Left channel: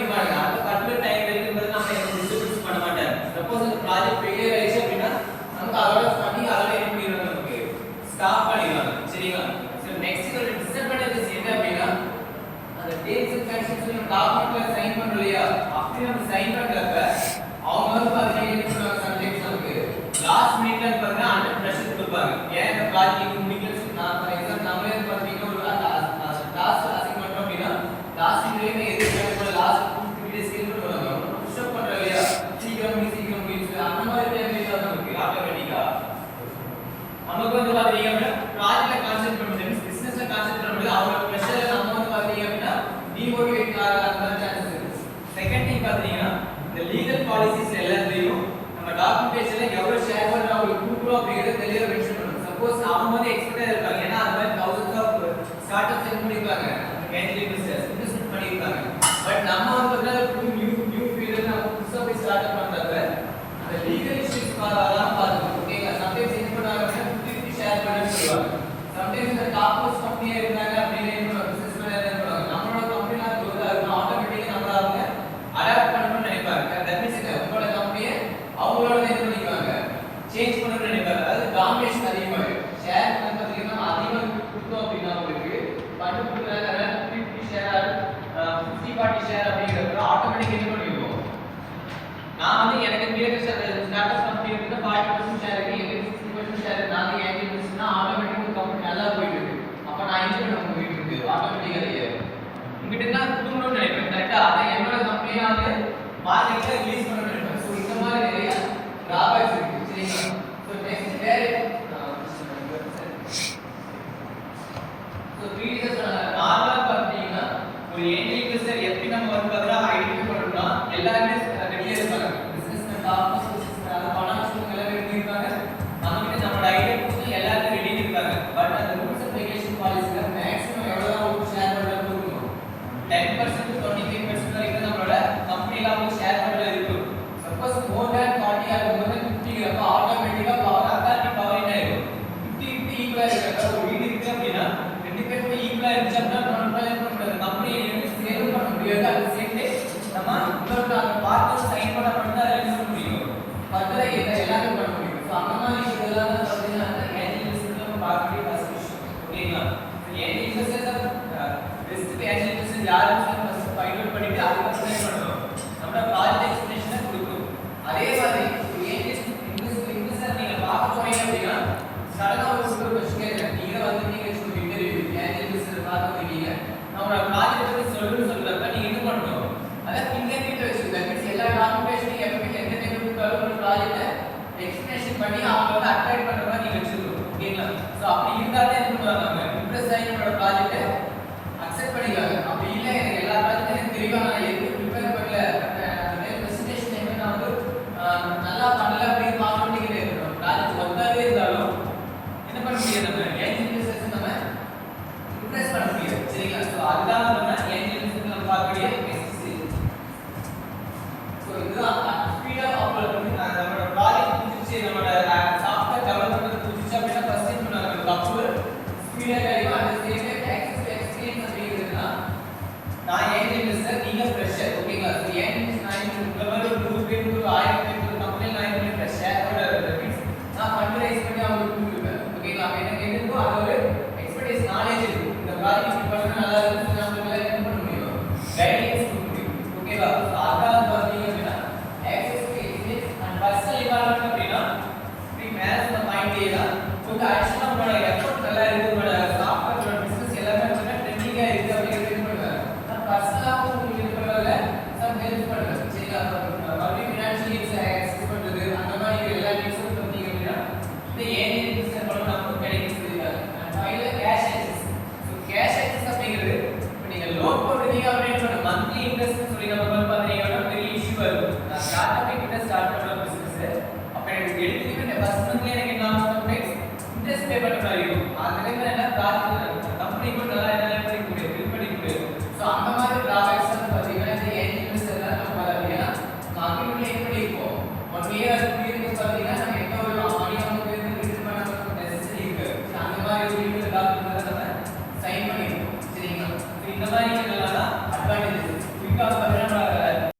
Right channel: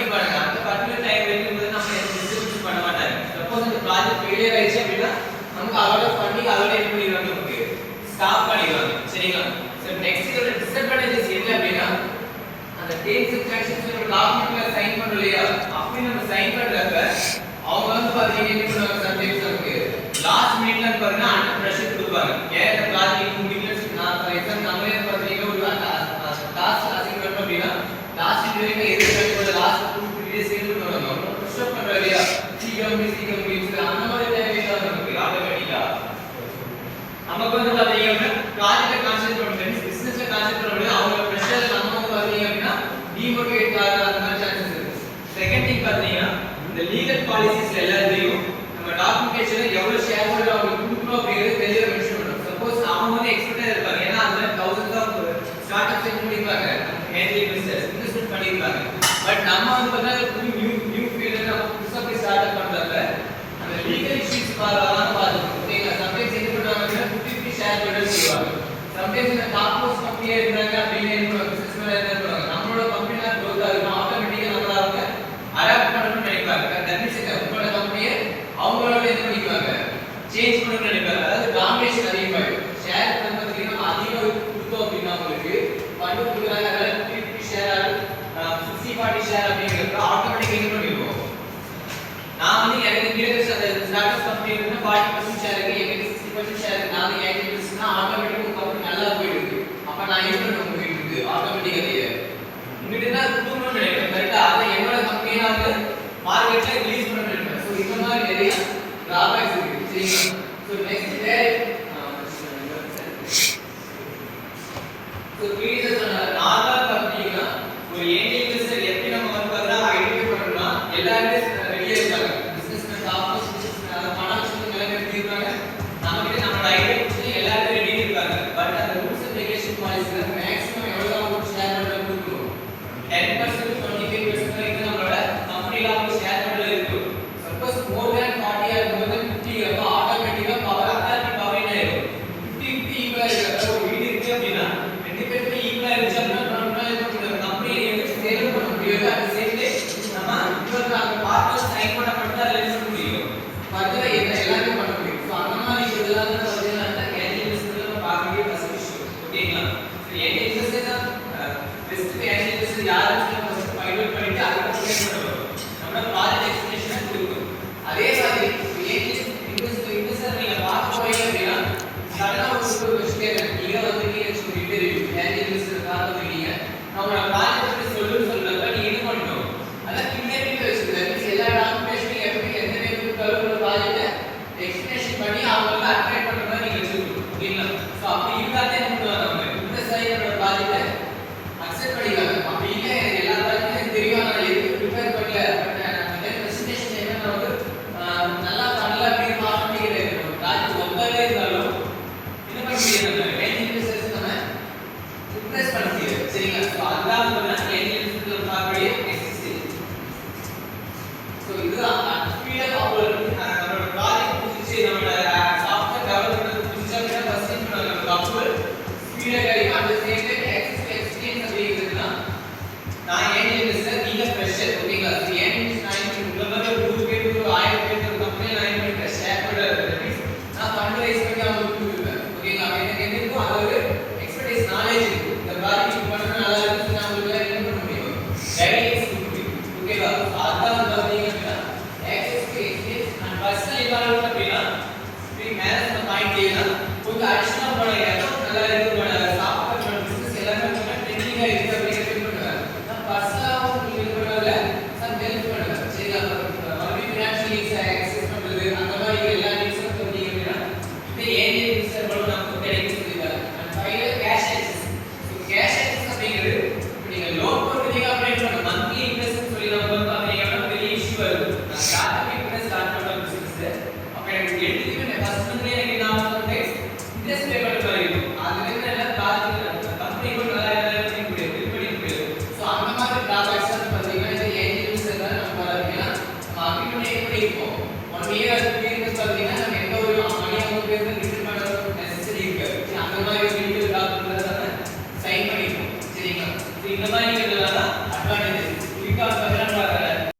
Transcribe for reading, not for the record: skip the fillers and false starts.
பண்ணிப்பாங்க. அந்த particular time இருக்கும்போது நம்ம டிஸ்ட்ரிபியூட் பண்ண மாட்டாங்க. சப்போஸ் அந்த ப்ராஜெக்ட் ஃபெயிலியர் ஆயிடுச்சு அப்படின்னா நமக்கு அதோட ஃபண்டிங் அதோட என்ன பண்ணிடுவாங்க, நமக்கு ஸ்டாப் பண்ணிடுவாங்க. சரிங்களா? சோ நெக்ஸ்ட் இதோட டிஸ்அட்வான்டேஜஸ் என்ன அப்படின்னா அந்த டேர்ம்ஸ் அண்ட் கண்டிஷன்ஸ் நம்ம டாக்குமெண்ட்ல சைன் பண்றோம் இல்லையா, அப்படி நம்ம சைன் பண்றப்ப அவங்க வந்து பாத்தீங்கன்னா என்ன பண்ணுவாங்க, சம்டைம்ஸ் நமக்கு லாஸ்ட் மினிட்ல பாத்தீங்கன்னா அண்டர் பிரஷர் கொடுப்பாங்க. ஏன் இந்த ப்ராஜெக்ட் முடியலன்னு நான் ஃபார் எக்ஸாம்பிள் நம்மளே பாத்தீங்கன்னா ஒரு டாஸ்க் அசைன் பண்றோம் அப்படின்னா லாஸ்ட் மினிட்ல எதுக்கு லாஸ்ட் 2 டேஸ் ஸ்கெட்யூல் பண்ணுவாங்க. புஷ் அப் பண்றோம் இல்லையா, சீக்கிரம் முடிச்சு அந்த மாதிரி டைம்ல நமக்கு ஆட்டோமேட்டிக்கா நமக்கு வந்து பாத்தீங்கன்னா ப்ராஜெக்ட் கான்சென்ட்ரேட் பண்ணி பிசினஸ்ல கான்சென்ட்ரேட் பண்ண முடியாது. அவங்க பிரஷர்ல நம்ம வந்து பாத்தீங்க அப்படின்னா டிமோட்டிவேட் ஆக அந்த மாதிரி சான்சஸ் இருக்கு. செகண்ட் திங் பாத்தீங்கன்னா இந்த லீகல் பாலிசிஸ்ல எல்லாத்தையும் நம்ம டாக்குமெண்டேஷன்ல எவ்வளவு ஷேர் ஹோல்டர் அவங்களுக்கு கொடுக்குறோம் அப்படிங்கறது தெளிவா மென்ஷன் பண்ணணும். சப்போஸ் அவங்க வந்து எக்ஸ்பர்ட்டா இருப்பாங்க, ஏன்னா அந்த மாதிரி thousands ஆஃப் ஸ்டார்ட் அப்ஸ் பண்ணிருப்பாங்க, ஏஞ்சல் பிசினஸ் இன்வெஸ்ட்மென்ட் பண்ணிருப்பாங்க. பட் நம்ம வந்து பார்த்தா நியூ ஃபீல்ட்ல நம்ம புதுசா போய் ஸ்டார்ட் அப் பண்றப்ப அந்த லீகல் இஷ்யூஸ் பார்க்கலாம் பாத்துக்கணும். ஓகேங்களா? சம்டைம்ஸ் என்ன பண்ணுவாங்கன்னா 50-50 ஷேர் பண்ணி சொல்லுவாங்க. சம்டைம்ஸ் இந்த டாப் மோஸ்ட் கம்பெனியா இருந்தாங்க அப்படின்னு என்ன பண்ணுவாங்க, பிசினஸ்ல என்ன பண்ணுவாங்க, நம்மளோட கம்பெனில growth ஆகுனா ஆட்டோமேட்டிக்கா நம்மள அவங்க அடாப்ட் பண்ணணும்னு நினைப்பாங்க. தட் மீன்ஸ் உங்களோட கம்பெனியை அவங்களோட என்ன பண்ணிக்குவாங்க, சேஞ்ச் பண்ணணும்னு நினைப்பாங்க. அதாவது டாமினேஷன் அதிகமாகும். ஷேர் பண்ண பார்த்தீங்கன்னா நம்ம அதிகமாக கொடுத்தோம் அப்படின்னா உங்களுக்கு ஃபண்ட் கொடுக்குறாங்க, அதாவது 50-50 ஷேர் 60-40 ஷேர் அப்படிங்கிறப்ப ஆட்டோமேட்டிக்கா என்ன பண்ணிடுவோம், நான் வந்து எனக்கு இந்தியன் அந்த ஸ்டார்ட் அப் கம்பெனி இருக்குன்னா 40% ஷேர் இருக்கு, எனக்கு 60% ஷேர் இருக்கு, நாங்க ஏன் பிசினஸ்னா ஆட்டோமேட்டிக்கா உங்க கம்பெனி நல்லா போயிடுது. அப்ப நான் என்ன பண்ண முடியுது, ஆட்டோமேட்டிக்கா உங்ககிட்ட தான் கொடுக்கணும்னு நினைப்பேன். கரெக்டா? அதை என்னோட கம்பெனியா வந்து மார்க்கெட்ல ரிலீஸ் பண்ணணும்னு நினைப்பேன். ஸோ இந்த மாதிரி நிறைய டிராபேக்ஸ் இருக்கு. சரிங்களா? ஸோ நெக்ஸ்ட் ஸோ ப்ரீவியஸ் நார்மலா பார்த்தீங்கன்னா ஒரு ஏஞ்சல் இன்வெஸ்டர் எப்படி நம்ம வந்து பார்த்தா ஐடென்டிஃபை பண்ணணும்னா எல்லாருமே ரெடியா இருப்பாங்க. பிசினஸ் டாப்ஸ் பிசினஸ் ஃபைனான்ஷியல் நல்லா ரெடி இருப்பாங்க. நமக்கு நம்ம ஐடென்டிஃபை எல்லாருமே ரெடி இருப்பாங்க. பட் அந்த ரூல்ஸ் அண்ட் ரெகுலேஷன் பாலிசில மேக்ஸிமம் எவ்வளவு ஷேர் பண்றது கொடுக்கணும், 10% 25% வரைக்கும் நம்மளோட கம்பெனில அவங்க ஷேர் பண்றது இருக்கும். சப்போஸ் மோர் than 40 ஆர் மோர் than 50 அப்ப ஆட்டோமேட்டிக்கா பவர் அத்தாரிட்டி பவர் என்ன ஆயிடும், 50-50 ஈக்குவலா இருக்கிற ஒரு வீடு இருக்கு அப்படின்னா ரெண்டு பேருமே ஈக்குவலா இருந்துச்சுன்னா நம்ம கம்பெனி சேல் பண்ண முடியாது. அட் தி சேம் டைம் நம்ம இன்னொரு அந்த பார்ட்னர் சைன் பண்ண பண்ணா ரிலீஸ் பண்ண முடியும். ஃபர்தர் எல்லாமே பண்ண முடியும். ஸோ அந்த மாதிரி இதெல்லாம் தான் பார்த்தீங்கன்னா அந்த ஏஞ்சல் இன்வெஸ்டர்ல பார்க்கக்கூடிய ஃபர்ஸ்ட் விஷயம். ஓகேங்களா? சரி, angel investor best angel investor யாருன்னு ஃபர்ஸ்ட் ஃபைண்ட் அவுட் பண்ணிட்டு அதுக்கு எக்ஸ்பிளைன் பண்ணணும். நம்ம ப்ராஜெக்ட் எக்ஸ்பிளனேஷனை கொடுக்கணும். அதே மாதிரி ஏஞ்சல் இன்வெஸ்டர் நீங்க பார்க்க போறீங்க அப்படின்னா சடனா ஒரு கொஸ்டின் கேட்கறேன். நீங்க வந்து நீங்க சொல்லிட்டு ஏஞ்சல் இன்வெஸ்டர் பார்த்துருக்கீங்க, நம்மளோட ப்ராஜெக்ட் பத்தி சொல்லுன்னு சொல்றப்ப நீங்க என்ன பண்ணணும், அதை பின்னேறிட்டு வச்சுக்கணும். எல்லா டாக்குமெண்டேஷனையும் எப்படி எந்த நேரத்துக்கு டெவலப் ப்ராஜெக்ட்டை எக்ஸ்பிளனேஷன் பண்ணி அவங்க வந்து அட்ராக்ட் பண்ற மாதிரி நீங்க வச்சுக்கணும். ஓகேங்களா? ஸோ அப்படி இருந்தாலே என்ன பண்ணுவாங்க, அவங்க இம்ப்ரெஸ் ஆகி நம்மளோட ப்ராஜெக்ட்டை அக்செப்ட் பண்ணிக்காங்க. அப்படி இல்லை எல்லா ப்ராஜெக்டும் எனக்கு தெரியும், நான் எதுவும் ப்ரிப்பேர் பண்ணல, பிரசன்டேஷன் என்ன வந்து நல்லா பண்ணல அப்படின்னு ஆட்டோமேட்டிக்காக ப்ராஜெக்ட் ஒர்க்காகவே இருந்தாலும் என்ன பண்ண முடியாது, நம்ம ஏஞ்சல் இன்வெஸ்டர்ஸ் நம்ம இம்ப்ரெஸ் பண்ண முடியாது. சரிங்களா? ஸோ அதுதான் வந்து ஏஞ்சல் இன்வெஸ்டர் பார்க்கக்கூடிய நெக்ஸ்ட் ஸ்டேஜ். ஸோ இதுதான் ஸ்பீடாக நம்மளோட ப்ராஜெக்ட் முடிச்சு நம்மளோட சாஃப்ட்வேர் டெவலப்மெண்ட் முடிச்சு அப்படின்னா ஃபர்ஸ்ட் நம்ம அப்ரூவல் ஸ்பீடாக